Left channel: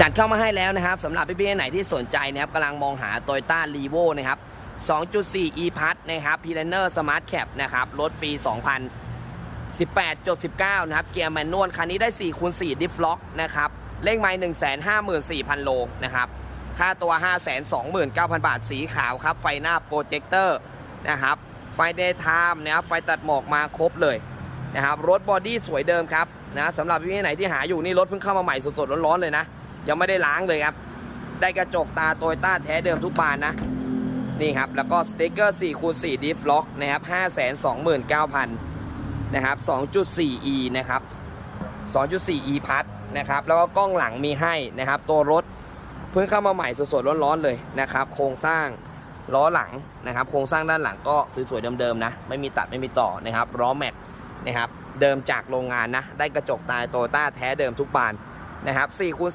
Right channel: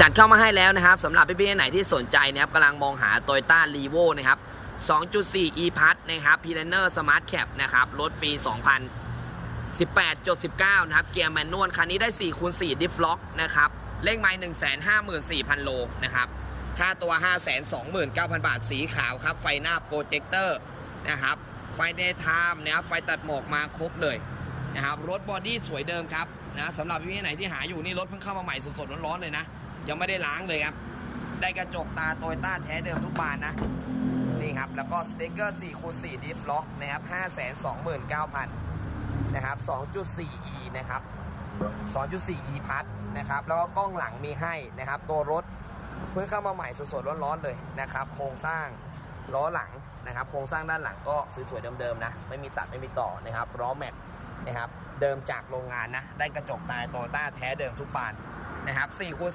จัดเข้ามาให้แล้วนะครับสำหรับพี่ๆไหนที่สนใจนะครับกำลังมองหา Toyota r e v o นะครับ 2.4 e p a s นะครับ p l a n e r Smart Cap นะครับรถปี 2018.19 นะครับ เกียร์แมนนวลคันนี้ได้ 4คูณ4 ดิฟล็อกนะครับเลขไม้154,000 โลนะครับ ค่าตัว 529,000 บาทสีขาวครับ ไฟหน้าโปรเจคเตอร์นะครับ ไฟเดย์ไทม์นะครับไฟตัดหมอกมาครบเลยนะครับรถบอดี้สวยเดิมครับนะสำหรับพี่ๆไหนที่หาอยู่นี่รถเพิ่งเข้ามาใหม่สดๆร้อนๆเลยนะ ยังไม่ได้ล้างเลยครับ ได้กระจกตาโตโยต้าแท้เดิมทุกบานนะ นี่ครับ แล้วก็สติ๊กเกอร์4คูณ4ดิฟล็อกนะครับ529,000นะครับ 2.4e นะครับ 2.4e พัทนะครับ แล้วก็กล้องหลังมีให้นะครับ ตัวรถเพิ่งเข้ามาใหม่สดๆร้อนๆเลยนะครับ โครงสร้างล้อหลังนะครับ โครงสร้างด้านหลังก็สวยๆเดิมๆนะ ไม่มีตัดไม่มีต่อนะครับล้อแม็กนะครับ เดิมจากโรงงานนะ ได้กระจกตาโตโยต้าแท้เดิมทุกบานนะครับ4คูณ